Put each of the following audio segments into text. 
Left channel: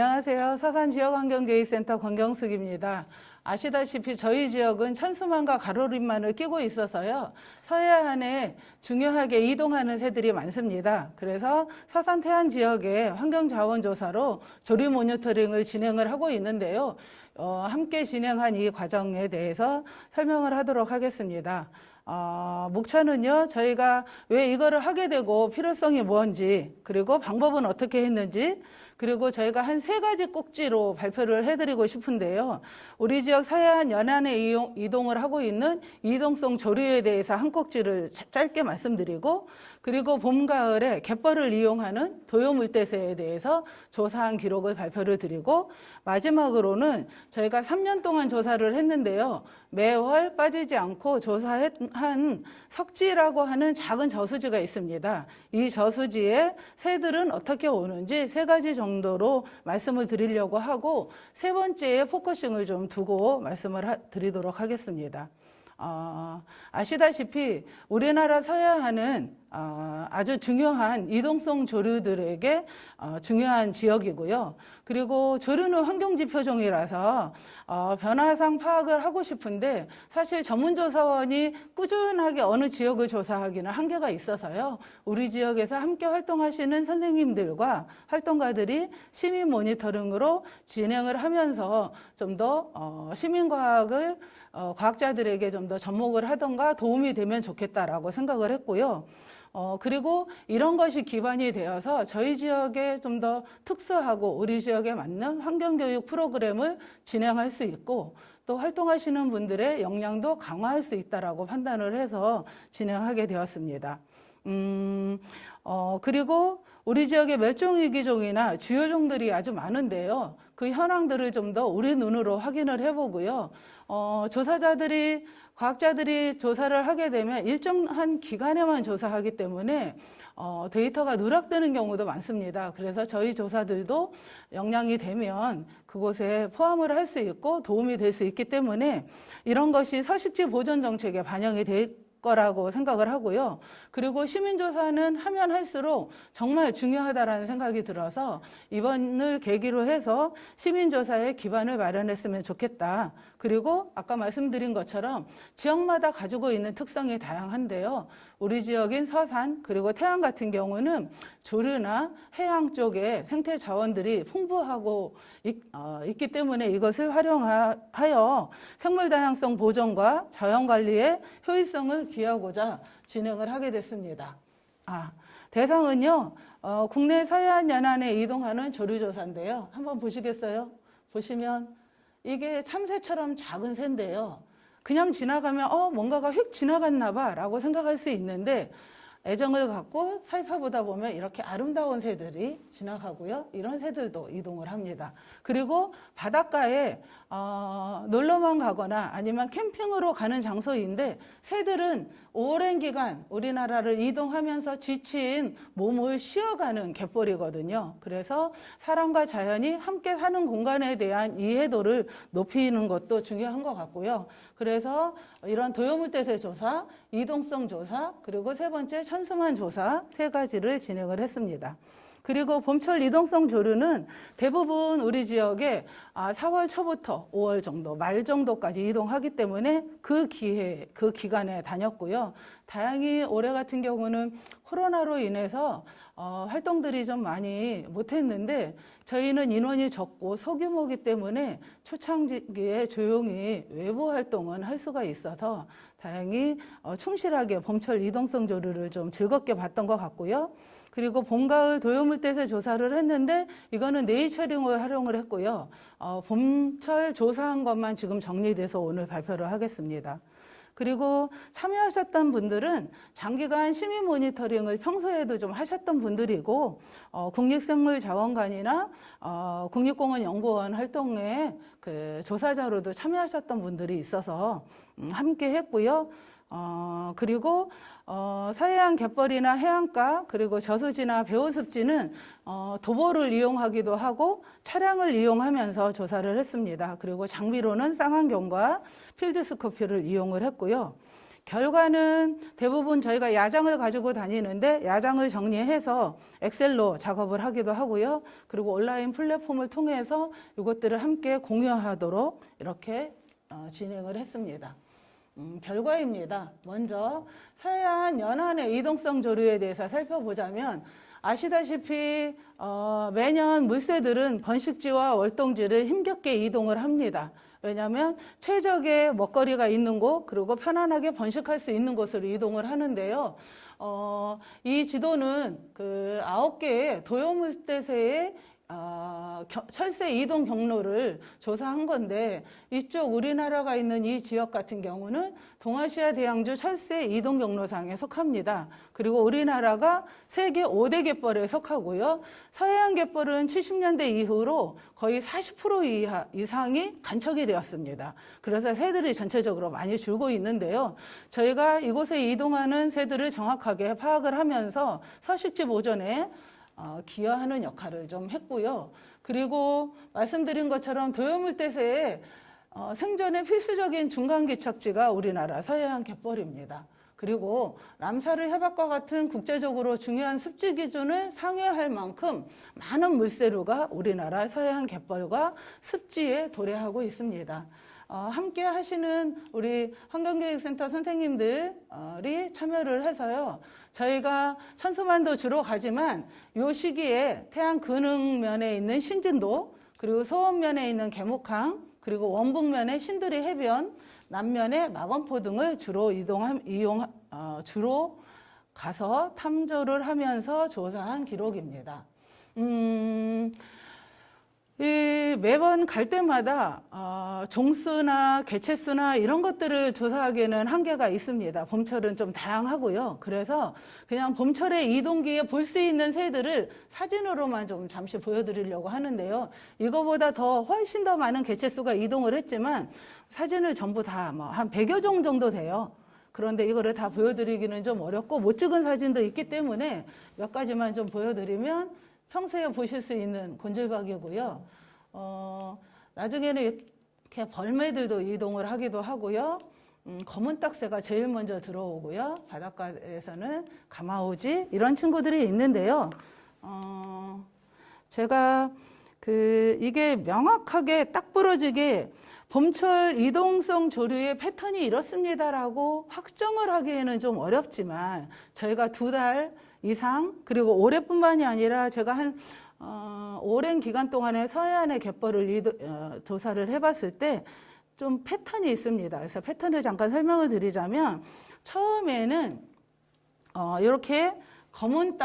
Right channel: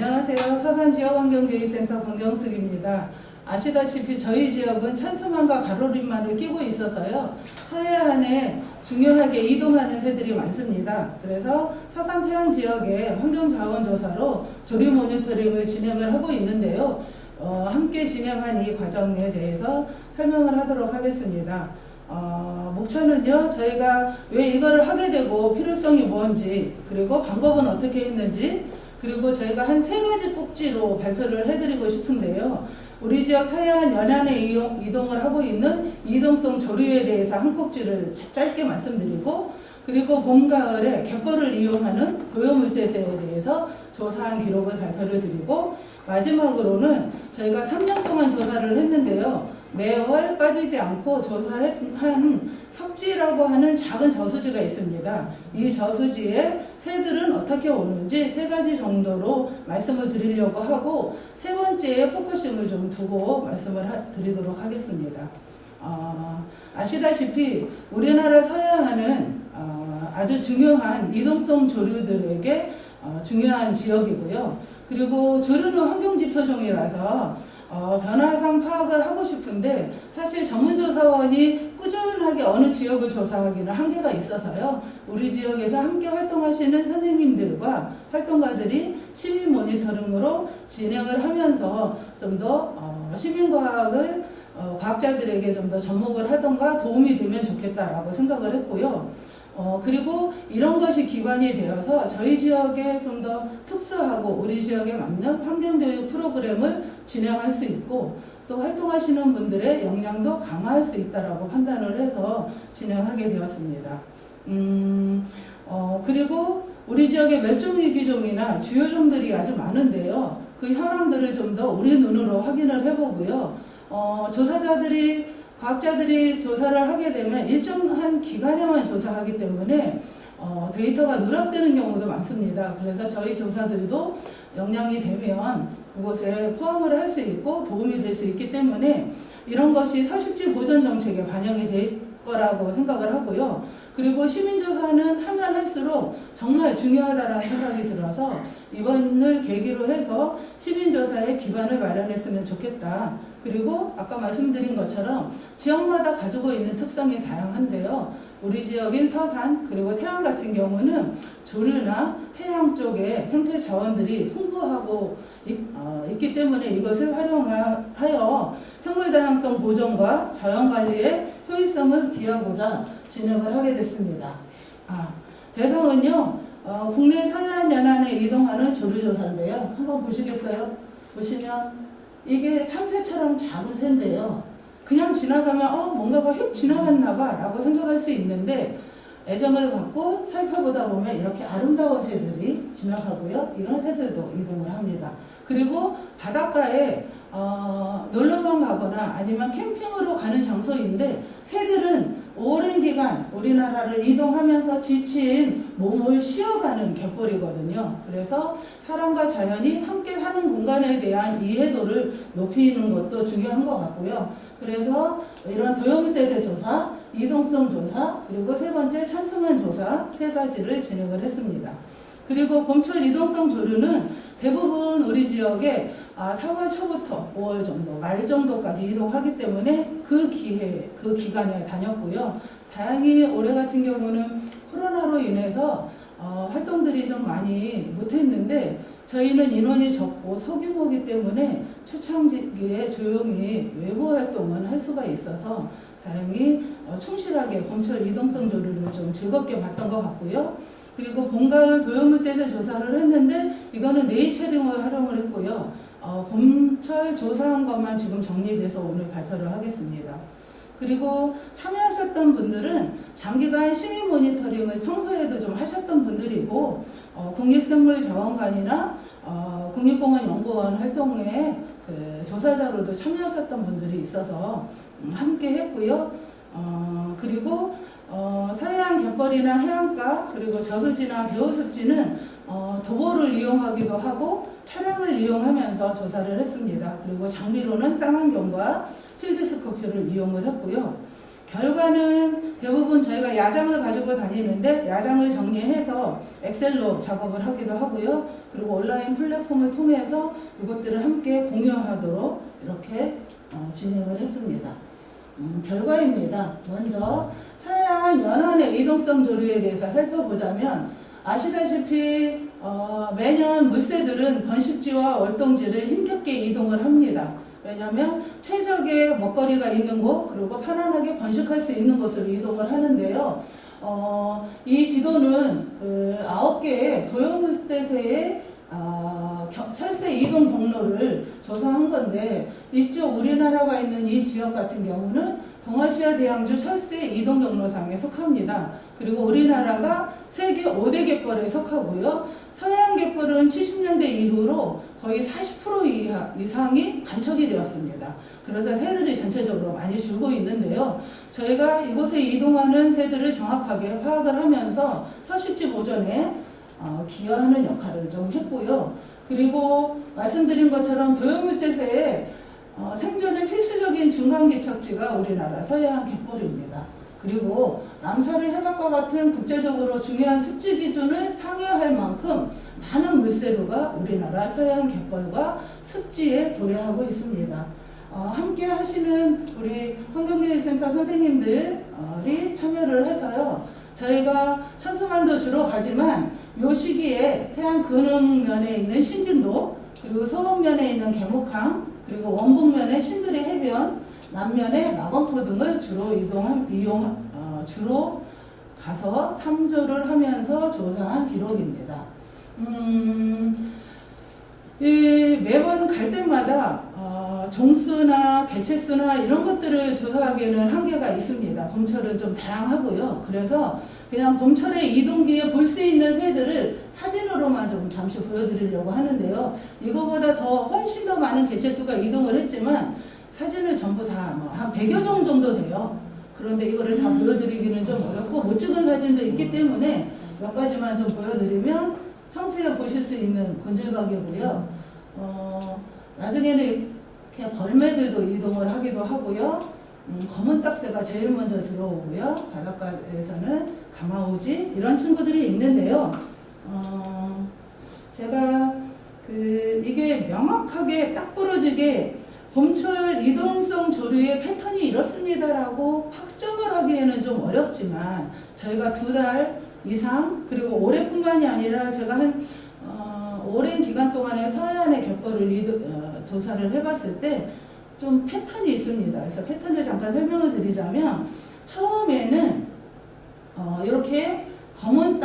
안녕하세요. 서산지역환경교육센터 권경숙입니다. 아시다시피 저희 지역은 천수만과 가로림만을 끼고 있어서요. 서해안에 중요하게 이동하는 새들이 많습니다. 그래서 서산태안 지역의 환경자원조사로 조류 모니터링을 진행을 하고 있는데요. 함께 진행한 이 과정에 대해서 설명을 하도록 하겠습니다. 목차는요, 저희가 왜 이거를 하게 되고 필요성이 뭔지, 그리고 방법은 어떻게 했는지, 그리고 저희가 한 3가지 꼭지로 발표를 해드리고 싶은데요. 우리 지역 서해안 연안에 이동을 하고 있는 이동성 조류에 대해서 한 꼭지를 짧게 말씀드리고, 그리고 봄, 가을에 갯벌을 이용하는 도요물대새에 대해서 조사한 기록을 발표를 드리고, 마지막으로는 저희가 3년 동안 조사를 했는데요. 매월 빠지지 않고 조사한 석지라고 하는 작은 저수지가 있습니다. 이 저수지에 새들은 어떻게 오는지 3가지 정도로 말씀을 드리려고 하고, 3번째에 포커싱을 좀 두고 말씀을 드리도록 하겠습니다. 아시다시피 우리나라 서해안은 아주 중요한 이동성 조류들에게 중요한 지역이고요. 그리고 조류는 환경지표종이라서 변화상 파악을 하고 싶은데 사실 전문조사원이 꾸준하게 어느 지역을 조사하기는 한계가 있어서요. 우리 지역에서 함께 활동하시는 선생님들과 활동가들이 시민 모니터링으로 진행을 하면서 좀 더 시민과학을 과학자들에게 좀 더 접목을 하던가 도움이 되면 좋겠다라고 생각을 했고요. 그리고 이런 것이 기반이 되어서 저희 지역에 좀 더 특수하고 우리 지역에 맞는 환경교육 프로그램을 진행할 수 있고, 또 활동하시는 분들의 역량도 강화할 수 있다라고 판단을 해서 진행하게 되었습니다. 그리고 우리 지역의 멸종위기종이나 주요종들이 아주 많은데요. 그 현황들을 좀 더 우리 눈으로 확인을 해보고요. 과학자들이 조사를 하게 되면 일정한 기간에만 조사하기 때문에 데이터가 누락되는 경우도 많습니다. 그래서 저희 조사들도 역량이 되면 그곳에 포함을 할 수 있고 도움이 될 수 있기 때문에 이런 것이 서식지 보존 정책에 반영이 될 거라고 생각을 하고요. 그리고 시민조사는 하면 할수록 정말 중요하다라는 생각이 들어서 이번을 계기로 해서 시민조사의 기반을 마련했으면 좋겠다. 그리고 아까 말씀드린 것처럼 지역마다 가지고 있는 특성이 다양한데요. 우리 지역인 서산 그리고 태안 같은 경우는 조류나 해양 쪽에 생태 자원들이 풍부하고 있기 때문에 이것을 활용하여 생물 다양성 보존과 자연 관리의 효율성을 기하고자 진행을 하게 됐습니다. 대상은요, 국내 서해안 연안에 이동하는 조류조사인데요. 한번 보시겠어요? 보시면 이게 참새처럼 작은 새인데요. 그냥 지나가면 뭔가가 휙 지나갔나 봐 라고 생각할 수 있는데, 애정을 갖고 살펴보다 보면 이렇게 아름다운 새들이 지나가고요. 이런 새들도 이동을 합니다. 그리고 바닷가에 놀러만 가거나 아니면 캠핑으로 가는 장소인데, 새들은 오랜 기간 우리나라를 이동하면서 지친 몸을 쉬어가는 갯벌이거든요. 그래서 사람과 자연이 함께 사는 공간에 대한 이해도를 높이는 것도 중요한 것 같고요. 그래서 이런 도요물대새 조사, 이동성 조사, 그리고 3번째 천승환 조사 3가지를 진행을 했습니다. 그리고 봄철 이동성 조류는 대부분 우리 지역에 4월 초부터 5월 정도, 말 정도까지 이동하기 때문에 그 기간에 다녔고요. 다행히 올해 같은 경우는 코로나로 인해서 활동들이 좀 많이 못했는데, 저희는 인원이 적고 소규모이기 때문에 초창기에 조용히 외부 활동은 할 수가 있어서 다행히 충실하게 봄철 이동성 조류를 좀 즐겁게 봤던 것 같고요. 그리고 봄, 가을 도요물대새 조사를 했는데 이거는 네이처링을 활용을 했고요. 봄철 조사한 것만 지금 정리돼서 오늘 발표를 하겠습니다. 그리고 참여하셨던 분들은 장기간 시민 모니터링을 평소에도 좀 하셨던 분들이고, 국립생물자원관이나 국립공원연구원 활동에 조사자로도 참여하셨던 분들이 있어서 함께 했고요. 그리고 서해안 갯벌이나 해안가, 그리고 저수지나 배후습지는 도보를 이용하기도 하고 차량을 이용하면서 조사를 했습니다. 그리고 장비로는 쌍안경과 필드스코피를 이용을 했고요. 결과는 대부분 저희가 야장을 가지고 다니는데 야장을 정리해서 엑셀로 작업을 하기도 하고요. 그리고 온라인 플랫폼을 통해서 이것들을 함께 공유하도록 이렇게 진행을 했습니다. 결과입니다. 먼저 서해안 연안의 이동성 조류에 대해서 살펴보자면 아시다시피 매년 물새들은 번식지와 월동지를 힘겹게 이동을 합니다. 왜냐하면 최적의 먹거리가 있는 곳 그리고 편안하게 번식할 수 있는 곳으로 이동을 하는데요. 이 지도는 그 9개의 도용물대새의 철새 이동 경로를 조사한 건데 이쪽 우리나라가 있는 이 지역 같은 경우는 동아시아 대양주 철새 이동 경로상에 속합니다. 그리고 우리나라가 세계 5대 갯벌에 속하고요. 서해안 갯벌은 70년대 이후로 거의 40% 이상이 간척이 되었습니다. 그래서 새들이 전체적으로 많이 줄고 있는데요. 저희가 이곳에 이동하는 새들을 정확하게 파악을 하면서 서식지 보존에 기여하는 역할을 좀 했고요. 그리고 말씀드린 것처럼 도요물대새의 생존에 필수적인 중간개척지가 우리나라 서해안 갯벌입니다. 그리고 람사르 해박과 같은 국제적으로 중요한 습지 기준을 상회할 만큼 많은 물새류가 우리나라 서해안 갯벌과 습지에 도래하고 있습니다. 함께 하시는 우리 환경교육센터 선생님들이 참여를 해서요. 저희가 천수만도 주로 가지만 이 시기에 해안 근흥면에 있는 신진도 그리고 서원면에 있는 계목항 그리고 원북면의 신들의 해변 남면의 낙원포 등을 주로 가서 탐조를 하면서 조사한 기록입니다. 매번 갈 때마다 종수나 개체수나 이런 것들을 조사하기에는 한계가 있습니다. 봄철은 좀 다양하고요. 그래서 그냥 봄철의 이동기에 볼 수 있는 새들을 사진으로만 좀 잠시 보여드리려고 하는데요. 이거보다 훨씬 더 많은 개체수가 이동을 했지만 사진을 전부 다 한 100여 종 정도 돼요. 그런데 이거를 다 보여드리기는 좀 어렵고 못 찍은 사진도 있기 때문에 몇 가지만 좀 보여드리면 평소에 보실 수 있는 곤질박이고요. 나중에는 이렇게 벌매들도 이동을 하기도 하고요. 검은 딱새가 제일 먼저 들어오고요. 바닷가에서는 가마오지 이런 친구들이 있는데요. 제가 이게 명확하게 딱 부러지게 봄철 이동성 조류의 패턴이 이렇습니다라고 확정을 하기에는 좀 어렵지만 저희가 2달 이상 그리고 올해뿐만이 아니라 제가 한 오랜 기간 동안에 서해안의 갯벌을 조사를 해봤을 때 좀 패턴이 있습니다. 그래서 패턴을 잠깐 설명을 드리자면 처음에는 이렇게 검은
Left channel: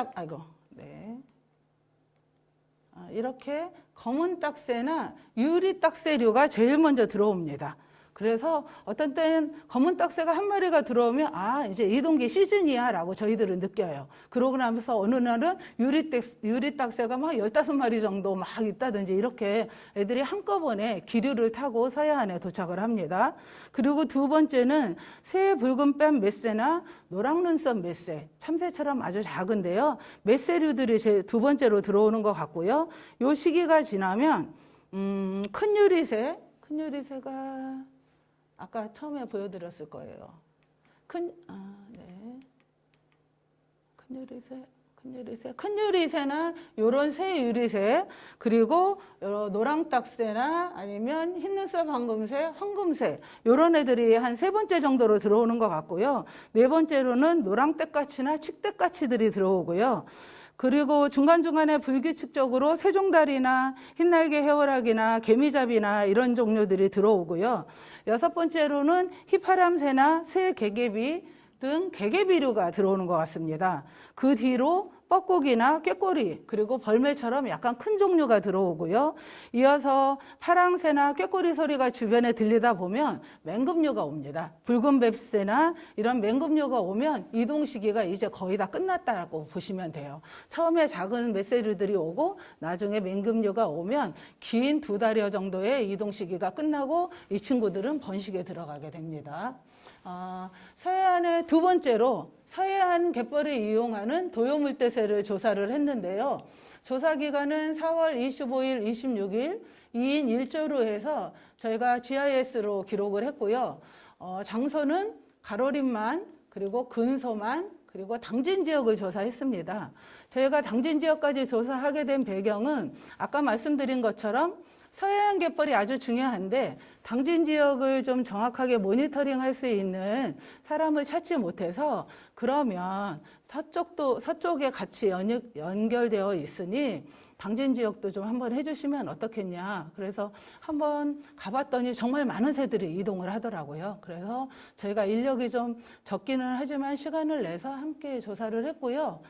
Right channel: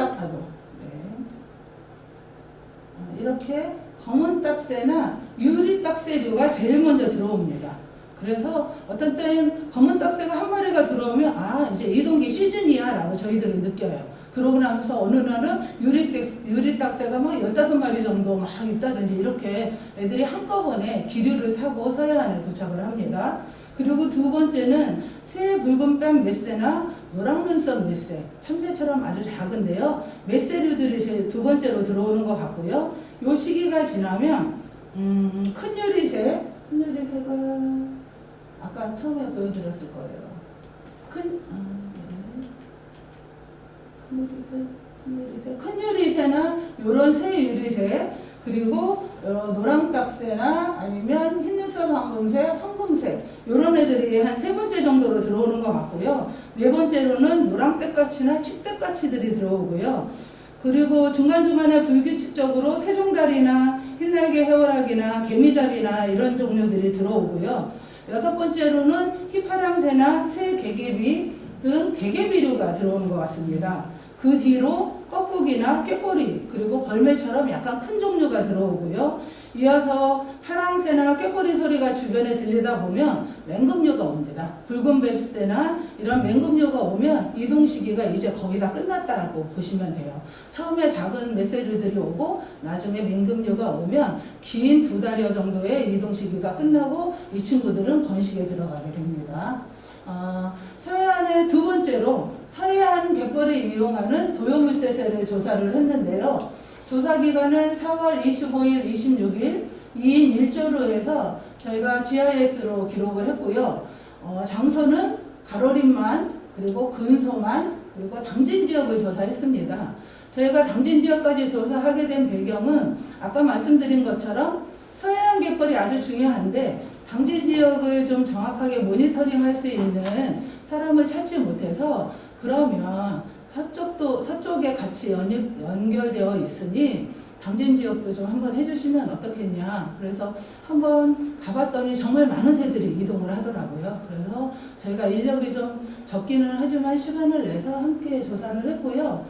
이렇게 검은 딱새나 유리 딱새류가 제일 먼저 들어옵니다. 그래서 어떤 때는 검은 딱새가 한 마리가 들어오면 이제 이동기 시즌이야 라고 저희들은 느껴요. 그러고 나서 어느 날은 유리 딱새가 막 15마리 정도 막 있다든지 이렇게 애들이 한꺼번에 기류를 타고 서해안에 도착을 합니다. 그리고 2번째는 새 붉은 뺨 맷새나 노랑 눈썹 맷새, 참새처럼 아주 작은데요. 맷새류들이 제 2번째로 들어오는 것 같고요. 요 시기가 지나면 큰 유리새가 아까 처음에 보여드렸을 거예요. 큰 유리새나 요런 새 유리새 그리고 노랑딱새나 아니면 흰눈썹 황금새 요런 애들이 한 3번째 정도로 들어오는 것 같고요. 4번째로는 노랑떼까치나 칡떼까치들이 들어오고요. 그리고 중간중간에 불규칙적으로 세종다리나 흰날개 해월학이나 개미잡이나 이런 종류들이 들어오고요. 6번째로는 휘파람새나 새 개개비 등 개개비류가 들어오는 것 같습니다. 그 뒤로 뻐꾸기나 꾀꼬리 그리고 벌매처럼 약간 큰 종류가 들어오고요. 이어서 파랑새나 꾀꼬리 소리가 주변에 들리다 보면 맹금류가 옵니다. 붉은 뱁새나 이런 맹금류가 오면 이동 시기가 이제 거의 다 끝났다고 보시면 돼요. 처음에 작은 맷새류들이 오고 나중에 맹금류가 오면 긴 2달여 정도의 이동 시기가 끝나고 이 친구들은 번식에 들어가게 됩니다. 서해안의 2번째로 서해안 갯벌을 이용하는 도요물대새를 조사를 했는데요. 조사 기간은 4월 25일, 26일 2인 1조로 해서 저희가 GIS로 기록을 했고요. 장소는 가로림만 그리고 근소만 그리고 당진 지역을 조사했습니다. 저희가 당진 지역까지 조사하게 된 배경은 아까 말씀드린 것처럼 서해안 갯벌이 아주 중요한데 당진 지역을 좀 정확하게 모니터링할 수 있는 사람을 찾지 못해서 그러면 서쪽에 같이 연결되어 있으니 당진 지역도 좀 한번 해주시면 어떻겠냐. 그래서 한번 가봤더니 정말 많은 새들이 이동을 하더라고요. 그래서 저희가 인력이 좀 적기는 하지만 시간을 내서 함께 조사를 했고요.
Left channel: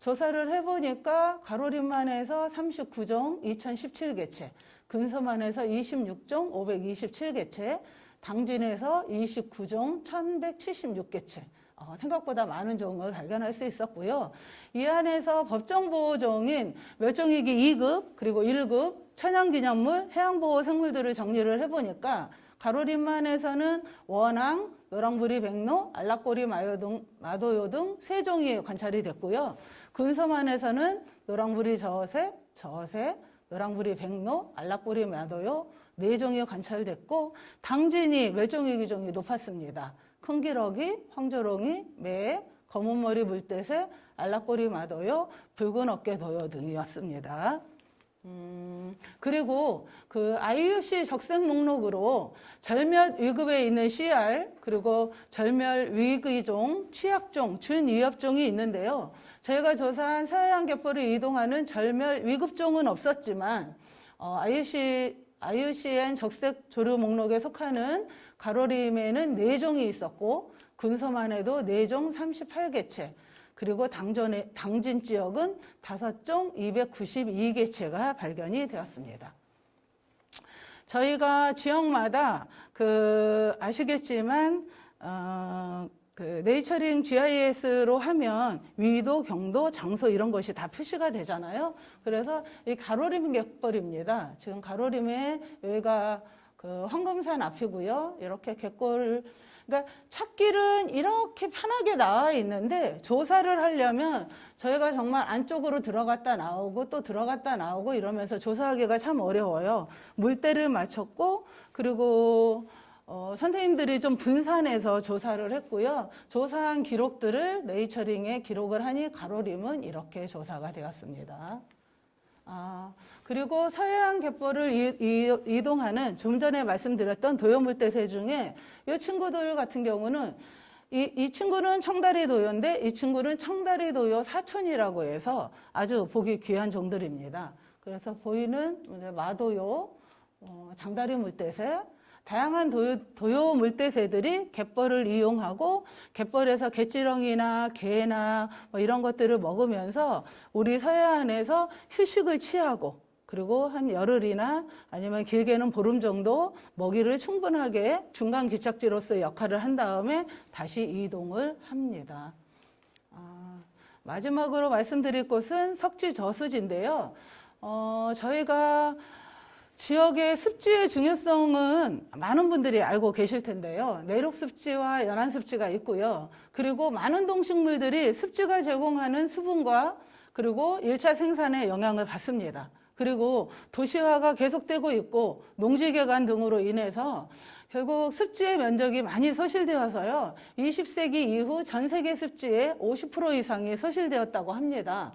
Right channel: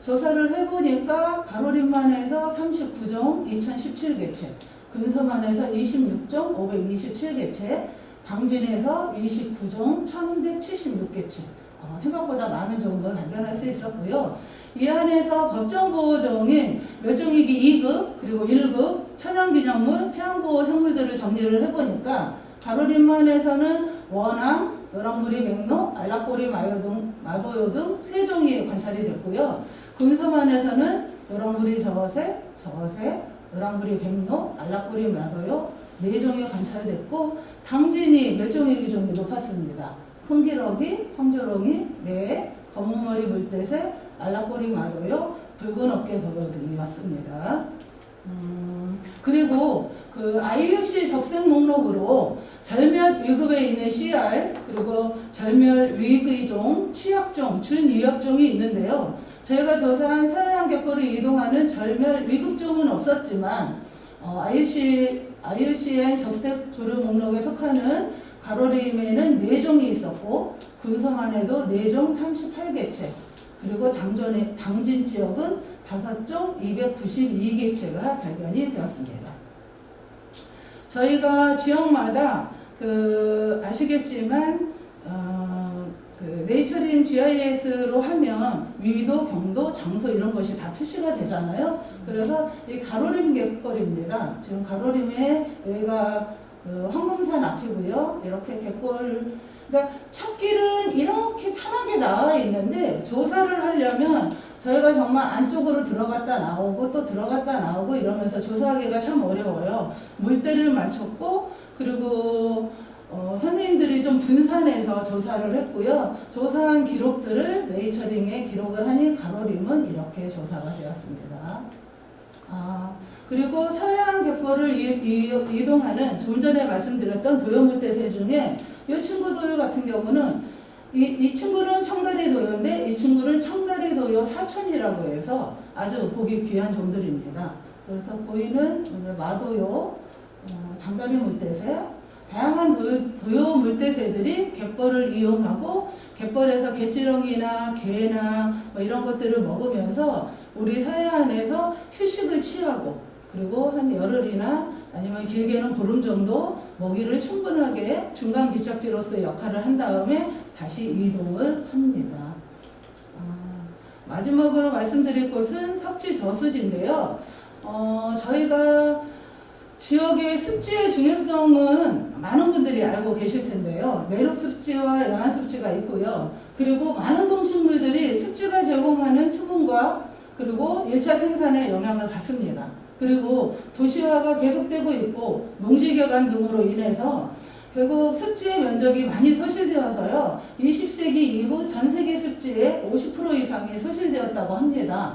조사를 해보니까 가로림만에서 39종 2017개체, 근서만에서 26종 527개체, 당진에서 29종 1176개체, 생각보다 많은 정도를 발견할 수 있었고요. 이 안에서 법정보호종인 멸종위기 2급 그리고 1급 천연기념물 해양보호생물들을 정리를 해보니까 가로림만에서는 원앙, 노랑부리 맥로, 알락꼬리 마도요 등 3종이 관찰이 됐고요. 근서만에서는 노랑부리 저새, 노랑부리 백로, 알락꼬리 마도요 4종이 관찰됐고 당진이 멸종위기종이 높았습니다. 큰기러기, 황조롱이, 매, 검은머리 물대새, 알락꼬리 마도요, 붉은 어깨 도요 등이었습니다. 그리고 그 IUC 적색 목록으로 절멸 위급에 있는 CR 그리고 절멸 위기종, 취약종, 준위협종이 있는데요. 저희가 조사한 서해안 갯벌을 이동하는 절멸 위급종은 없었지만 IUCN 적색 조류 목록에 속하는 가로림에는 4종이 있었고 근서만에도 4종 38개체 그리고 당진 지역은 5종 292개체가 발견이 되었습니다. 저희가 지역마다 아시겠지만 네이처링 GIS로 하면 위도, 경도, 장소 이런 것이 다 표시가 되잖아요. 그래서 이 가로림 갯벌입니다. 지금 가로림에 여기가 황금산 앞이고요. 이렇게 갯벌, 그러니까 첫길은 이렇게 편하게 나와 있는데 조사를 하려면 저희가 정말 안쪽으로 들어갔다 나오고 또 들어갔다 나오고 이러면서 조사하기가 참 어려워요. 물대를 맞췄고 그리고 선생님들이 좀 분산해서 조사를 했고요. 조사한 기록들을 네이처링에 기록을 하니 가로림은 이렇게 조사가 되었습니다. 그리고 서해안 갯벌을 이동하는 좀 전에 말씀드렸던 도요물대새 중에 이 친구들 같은 경우는 이 친구는 청다리 도요인데 이 친구는 청다리 도요 사촌이라고 해서 아주 보기 귀한 종들입니다. 그래서 보이는 마도요, 장다리 물대새, 다양한 도요 물대새들이 갯벌을 이용하고 갯벌에서 갯지렁이나 게나 이런 것들을 먹으면서 우리 서해안에서 휴식을 취하고 그리고 한 열흘이나 아니면 길게는 보름 정도 먹이를 충분하게 중간 기착지로서 역할을 한 다음에 다시 이동을 합니다. 마지막으로 말씀드릴 곳은 석지 저수지인데요. 저희가 지역의 습지의 중요성은 많은 분들이 알고 계실 텐데요. 내륙 습지와 연안 습지가 있고요. 그리고 많은 동식물들이 습지가 제공하는 수분과 그리고 1차 생산에 영향을 받습니다. 그리고 도시화가 계속되고 있고 농지개간 등으로 인해서 결국 습지의 면적이 많이 소실되어서요. 20세기 이후 전 세계 습지의 50% 이상이 소실되었다고 합니다.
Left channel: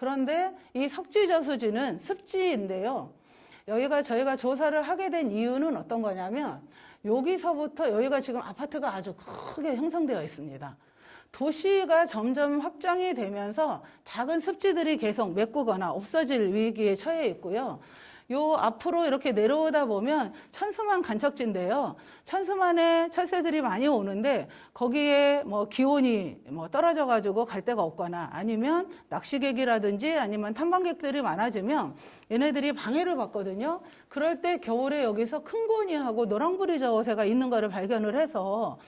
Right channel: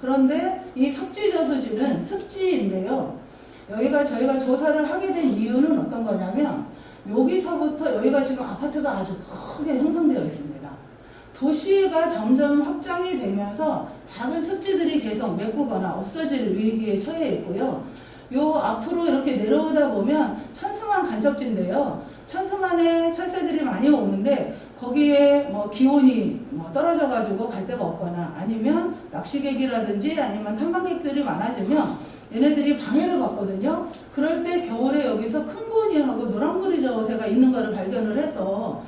그런데 이 석지 저수지는 습지인데요. 여기가 저희가 조사를 하게 된 이유는 어떤 거냐면 여기서부터 여기가 지금 아파트가 아주 크게 형성되어 있습니다. 도시가 점점 확장이 되면서 작은 습지들이 계속 메꾸거나 없어질 위기에 처해 있고요. 요 앞으로 이렇게 내려오다 보면 천수만 간척지인데요. 천수만에 철새들이 많이 오는데 거기에 기온이 떨어져가지고 갈 데가 없거나 아니면 낚시객이라든지 아니면 탐방객들이 많아지면 얘네들이 방해를 받거든요. 그럴 때 겨울에 여기서 큰 고니하고 노랑부리 저새가 있는 거를 발견을 해서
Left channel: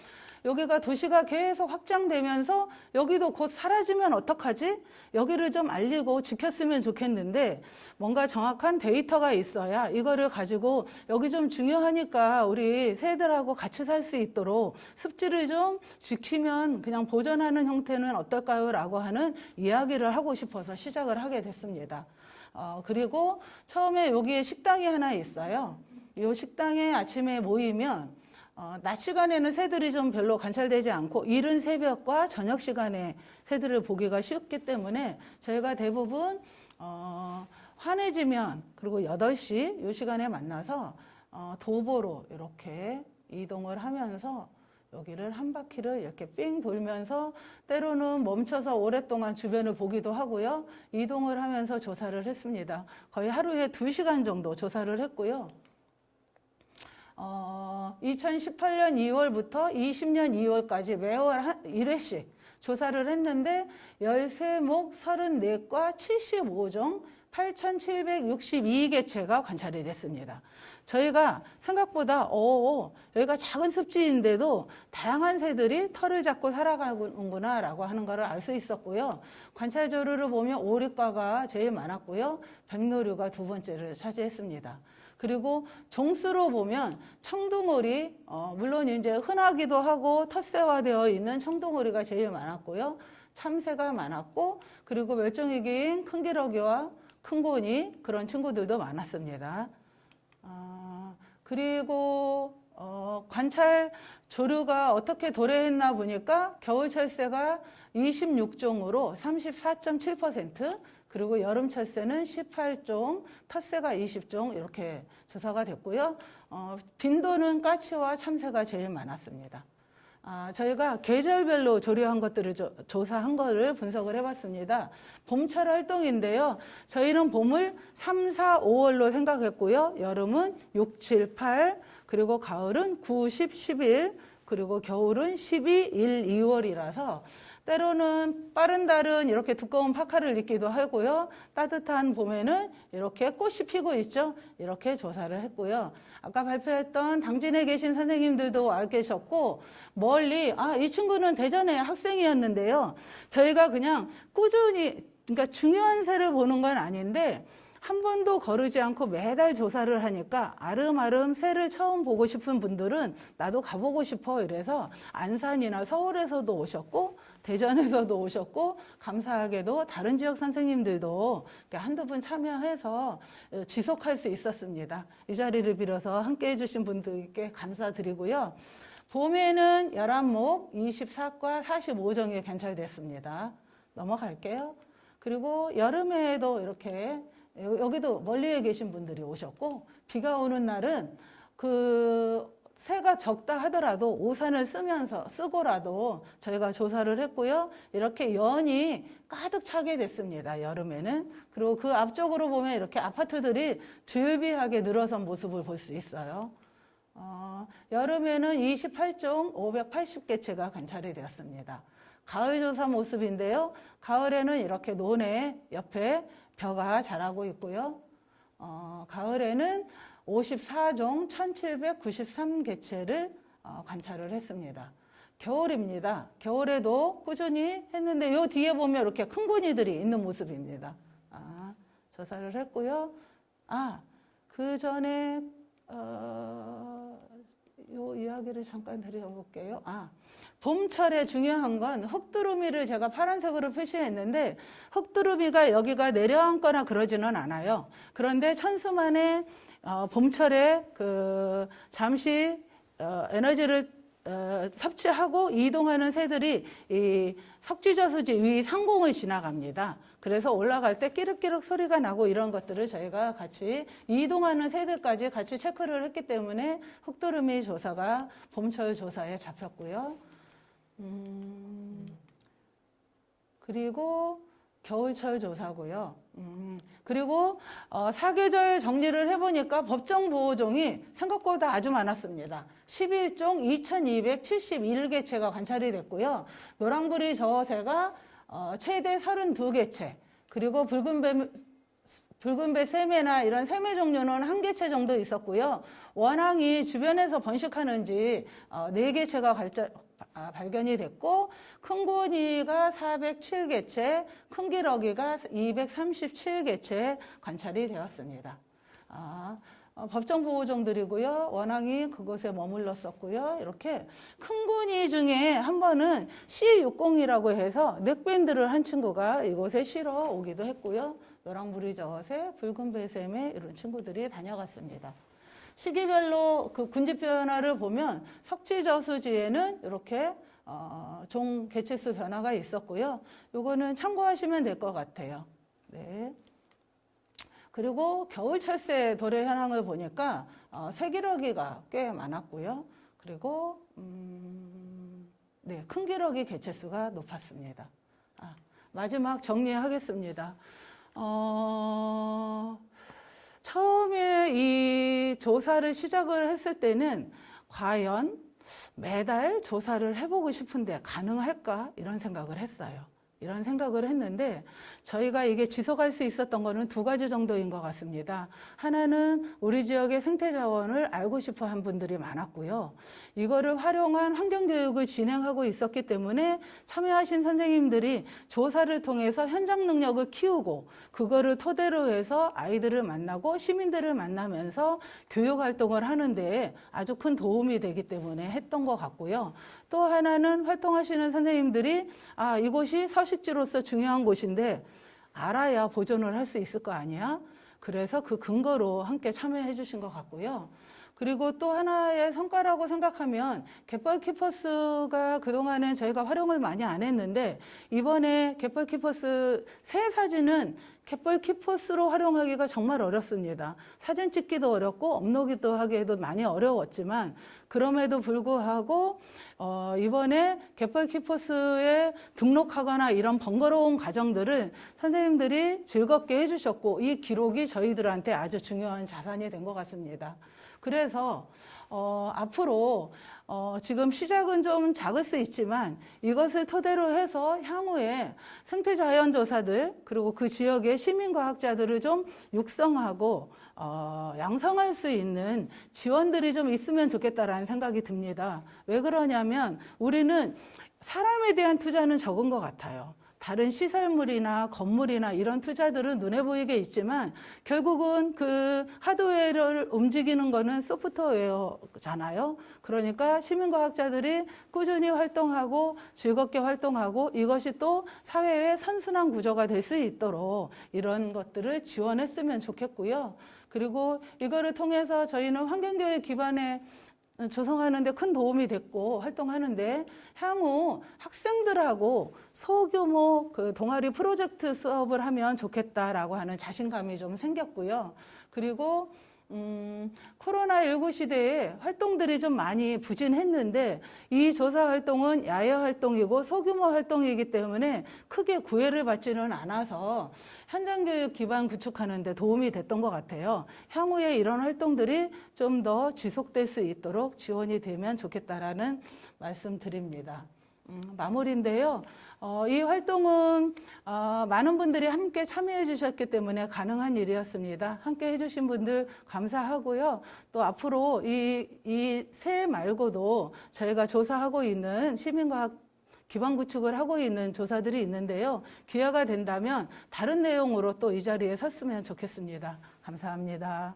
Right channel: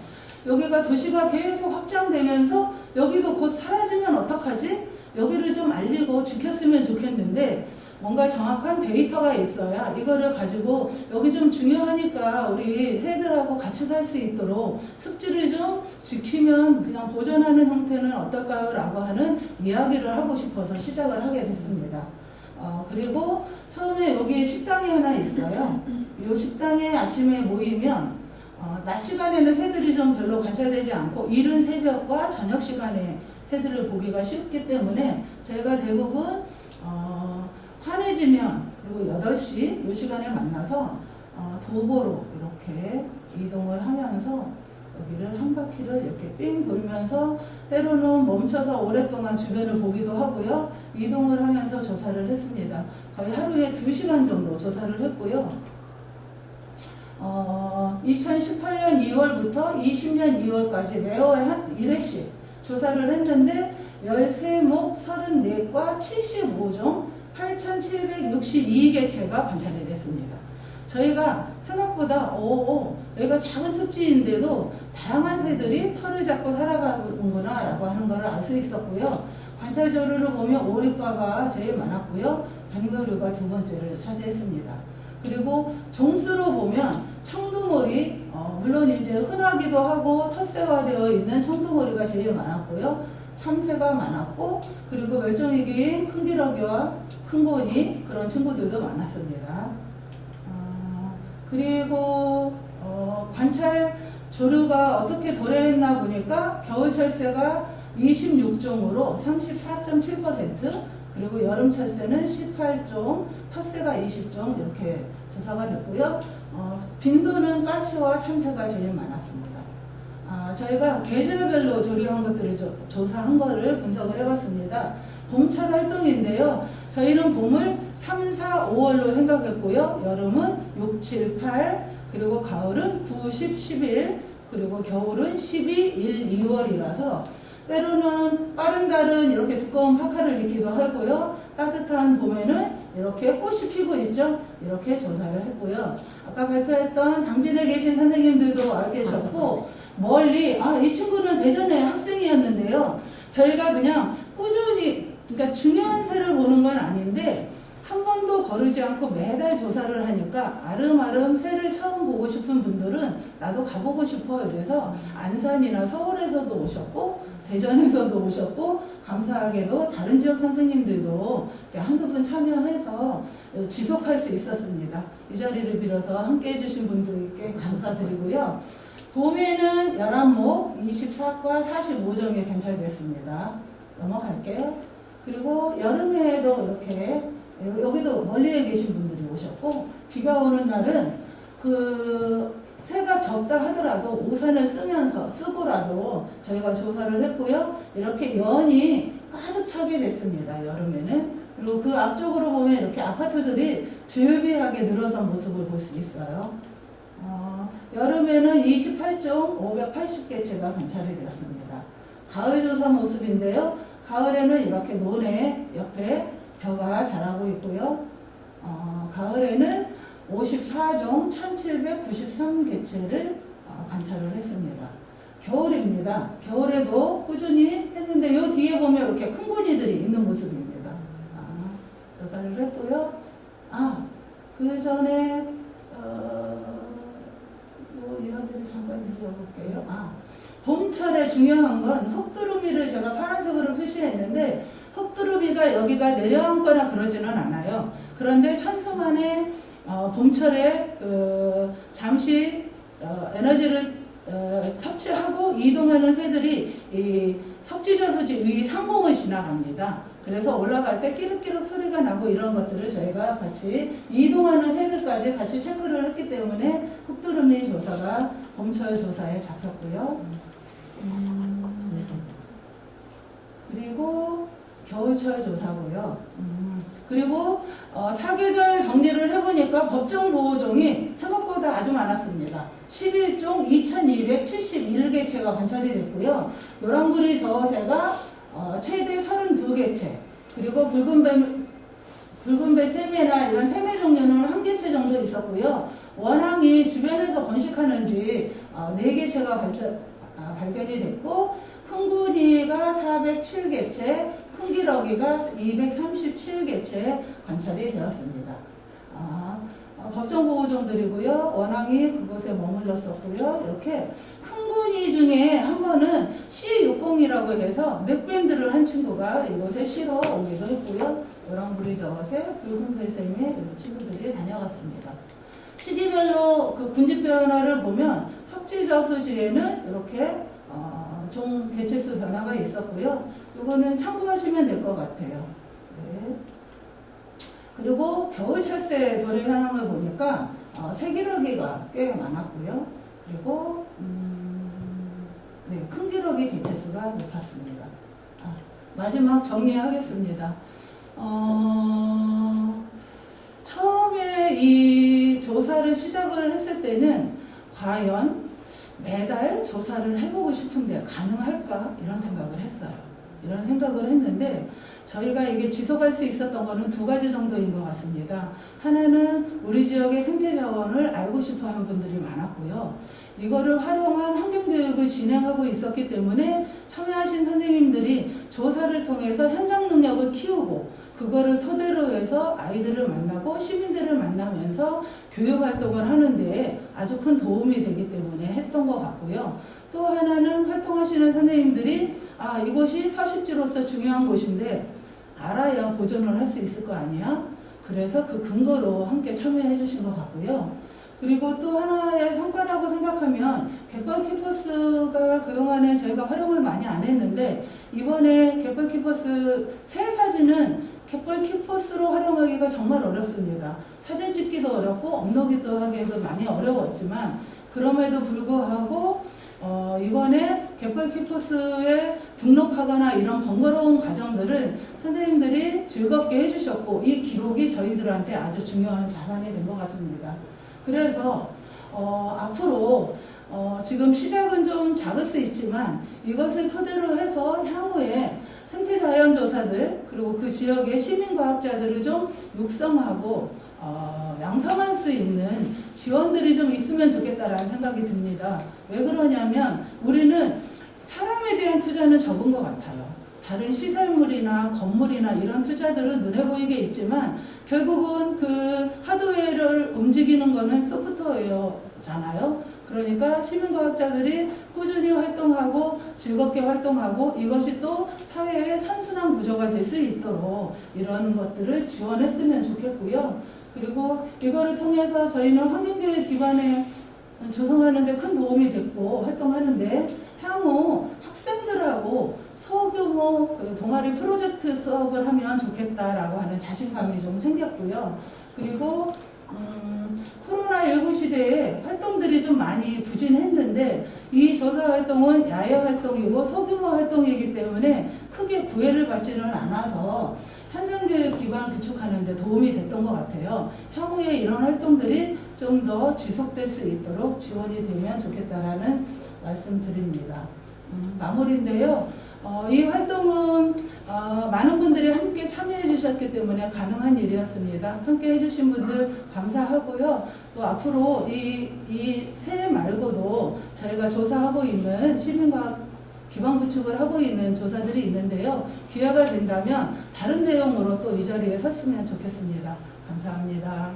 여기가 도시가 계속 확장되면서 여기도 곧 사라지면 어떡하지? 여기를 좀 알리고 지켰으면 좋겠는데 뭔가 정확한 데이터가 있어야 이거를 가지고 여기 좀 중요하니까 우리 새들하고 같이 살 수 있도록 습지를 좀 지키면 그냥 보존하는 형태는 어떨까요? 라고 하는 이야기를 하고 싶어서 시작을 하게 됐습니다. 그리고 처음에 여기에 식당이 하나 있어요. 이 식당에 아침에 모이면 낮 시간에는 새들이 좀 별로 관찰되지 않고 이른 새벽과 저녁 시간에 새들을 보기가 쉽기 때문에 저희가 대부분 환해지면 그리고 8시 이 시간에 만나서 도보로 이렇게 이동을 하면서 여기를 한 바퀴를 이렇게 삥 돌면서 때로는 멈춰서 오랫동안 주변을 보기도 하고요. 이동을 하면서 조사를 했습니다. 거의 하루에 2시간 정도 조사를 했고요. 2018년 2월부터 20년 2월까지 매월 한 1회씩 조사를 했는데 13목 34과 75종 8,762개체가 관찰이 됐습니다. 저희가 생각보다 여기가 작은 습지인데도 다양한 새들이 털을 잡고 살아가는구나 라고 하는 것을 알 수 있었고요. 관찰 조류를 보면 오리과가 제일 많았고요. 백로류가 두 번째를 차지했습니다. 그리고 종수로 보면 청두머리, 물론 이제 흔하기도 하고 텃새화되어 있는 청두머리가 제일 많았고요. 참새가 많았고, 그리고 멸종위기인 큰기러기와 큰고니 그런 친구들도 많았습니다. 그리고 관찰 조류가 어떻게 도래했나 보니까 겨울철새가 26종으로 34.7%, 그리고 여름철새는 18종, 텃새가 20종 이렇게 조사가 됐고요. 빈도는 까치와 참새가 제일 많았습니다. 저희가 계절별로 조류한 것들을 조사한 거를 분석을 해봤습니다. 봄철 활동인데요. 저희는 봄을 3, 4, 5월로 생각했고요. 여름은 6, 7, 8, 그리고 가을은 9, 10, 11, 그리고 겨울은 12, 1, 2월이라서 때로는 빠른 달은 이렇게 두꺼운 파카를 입기도 하고요. 따뜻한 봄에는 이렇게 꽃이 피고 있죠. 이렇게 조사를 했고요. 아까 발표했던 당진에 계신 선생님들도 와 계셨고 멀리 이 친구는 대전의 학생이었는데요. 저희가 그냥 꾸준히 그러니까 중요한 새를 보는 건 아닌데 한 번도 거르지 않고 매달 조사를 하니까 아름아름 새를 처음 보고 싶은 분들은 나도 가보고 싶어 이래서 안산이나 서울에서도 오셨고 대전에서도 오셨고 감사하게도 다른 지역 선생님들도 한두 분 참여해서 지속할 수 있었습니다. 이 자리를 빌어서 함께 해주신 분들께 감사드리고요. 봄에는 11목 24과 45종이 관찰됐습니다. 넘어갈게요. 그리고 여름에도 이렇게 여기도 멀리에 계신 분들이 오셨고 비가 오는 날은 새가 적다 하더라도 우산을 쓰고라도 저희가 조사를 했고요. 이렇게 연이 가득 차게 됐습니다. 여름에는. 그리고 그 앞쪽으로 보면 이렇게 아파트들이 즐비하게 늘어선 모습을 볼 수 있어요. 여름에는 28종 580개체가 관찰이 되었습니다. 가을 조사 모습인데요. 가을에는 이렇게 논에 옆에 벼가 자라고 있고요. 가을에는 54종 1793개체를 관찰을 했습니다. 겨울입니다. 겨울에도 꾸준히 했는데 요 뒤에 보면 이렇게 큰 고니들이 있는 모습입니다. 조사를 했고요. 그 전에 요 이야기를 잠깐 드려볼게요. 봄철에 중요한 건 흑두루미를 제가 파란색으로 표시했는데 흑두루미가 여기가 내려앉거나 그러지는 않아요. 그런데 천수만에 봄철에 잠시 에너지를 섭취하고 이동하는 새들이 이 석지저수지 위 상공을 지나갑니다. 그래서 올라갈 때 끼륵끼륵 소리가 나고 이런 것들을 저희가 같이 이동하는 새들까지 같이 체크를 했기 때문에 흑두루미 조사가 봄철 조사에 잡혔고요. 그리고 겨울철 조사고요. 그리고 사계절 정리를 해보니까 법정보호종이 생각보다 아주 많았습니다. 11종 2271개체가 관찰이 됐고요. 노랑부리 저어새가 최대 32개체, 그리고 붉은배 새매나 이런 새매 종류는 1개체 정도 있었고요. 원앙이 주변에서 번식하는지 4개체가 발견이 됐고, 큰구니가 407개체, 큰기러기가 237개체 관찰이 되었습니다. 법정보호종들이고요. 원앙이 그곳에 머물렀었고요. 이렇게 큰구니 중에 한 번은 C60이라고 해서 넥밴드를 한 친구가 이곳에 쉬러 오기도 했고요. 노랑부리 저어새, 붉은배 새매 이런 친구들이 다녀왔습니다. 시기별로 그 군집 변화를 보면 석지저수지에는 이렇게 종 개체수 변화가 있었고요. 이거는 참고하시면 될 것 같아요. 네. 그리고 겨울철새 돌의 현황을 보니까 새기러기가 꽤 많았고요. 그리고 네, 큰 기러기 개체수가 높았습니다. 마지막 정리하겠습니다. 처음에 이 조사를 시작을 했을 때는 과연 매달 조사를 해보고 싶은데 가능할까? 이런 생각을 했어요. 이런 생각을 했는데 저희가 이게 지속할 수 있었던 거는 두 가지 정도인 것 같습니다. 하나는 우리 지역의 생태 자원을 알고 싶어 한 분들이 많았고요. 이거를 활용한 환경교육을 진행하고 있었기 때문에 참여하신 선생님들이 조사를 통해서 현장 능력을 키우고 그거를 토대로 해서 아이들을 만나고 시민들을 만나면서 교육 활동을 하는데 아주 큰 도움이 되기 때문에 했던 것 같고요. 또 하나는 활동하시는 선생님들이 이곳이 서식지로서 중요한 곳인데 알아야 보존을 할 수 있을 거 아니야? 그래서 그 근거로 함께 참여해 주신 것 같고요. 그리고 또 하나의 성과라고 생각하면 갯벌키퍼스가 그동안에 저희가 활용을 많이 안 했는데 이번에 갯벌키퍼스 새 사진은 갯벌키퍼스로 활용하기가 정말 어렵습니다. 사진 찍기도 어렵고 업로드도 하기도 많이 어려웠지만 그럼에도 불구하고 이번에 갯벌키퍼스에 등록하거나 이런 번거로운 과정들은 선생님들이 즐겁게 해주셨고 이 기록이 저희들한테 아주 중요한 자산이 된 것 같습니다. 그래서 앞으로 지금 시작은 좀 작을 수 있지만 이것을 토대로 해서 향후에 생태자연조사들 그리고 그 지역의 시민과학자들을 좀 육성하고 양성할 수 있는 지원들이 좀 있으면 좋겠다라는 생각이 듭니다. 왜 그러냐면 우리는 사람에 대한 투자는 적은 것 같아요. 다른 시설물이나 건물이나 이런 투자들은 눈에 보이게 있지만 결국은 그 하드웨어를 움직이는 거는 소프트웨어잖아요. 그러니까 시민과학자들이 꾸준히 활동하고 즐겁게 활동하고 이것이 또 사회의 선순환 구조가 될 수 있도록 이런 것들을 지원했으면 좋겠고요. 그리고 이거를 통해서 저희는 환경교육 기반에 조성하는 데 큰 도움이 됐고 활동하는데 향후 학생들하고 소규모 그 동아리 프로젝트 수업을 하면 좋겠다라고 하는 자신감이 좀 생겼고요. 그리고 코로나19 시대에 활동들이 좀 많이 부진했는데 이 조사 활동은 야외 활동이고 소규모 활동이기 때문에 크게 구애를 받지는 않아서 현장교육 기반 구축하는 데 도움이 됐던 것 같아요. 향후에 이런 활동들이 좀 더 지속될 수 있도록 지원이 되면 좋겠다라는 말씀 드립니다. 마무리인데요. 이 활동은 많은 분들이 함께 참여해 주셨기 때문에 가능한 일이었습니다. 함께 해주신 분들 감사하고요. 또 앞으로 이 새 말고도 저희가 조사하고 있는 시민과학 기반 구축을 하고 있는 조사들이 있는데요. 기회가 된다면 다른 내용으로 또 이 자리에 섰으면 좋겠습니다. 감사합니다.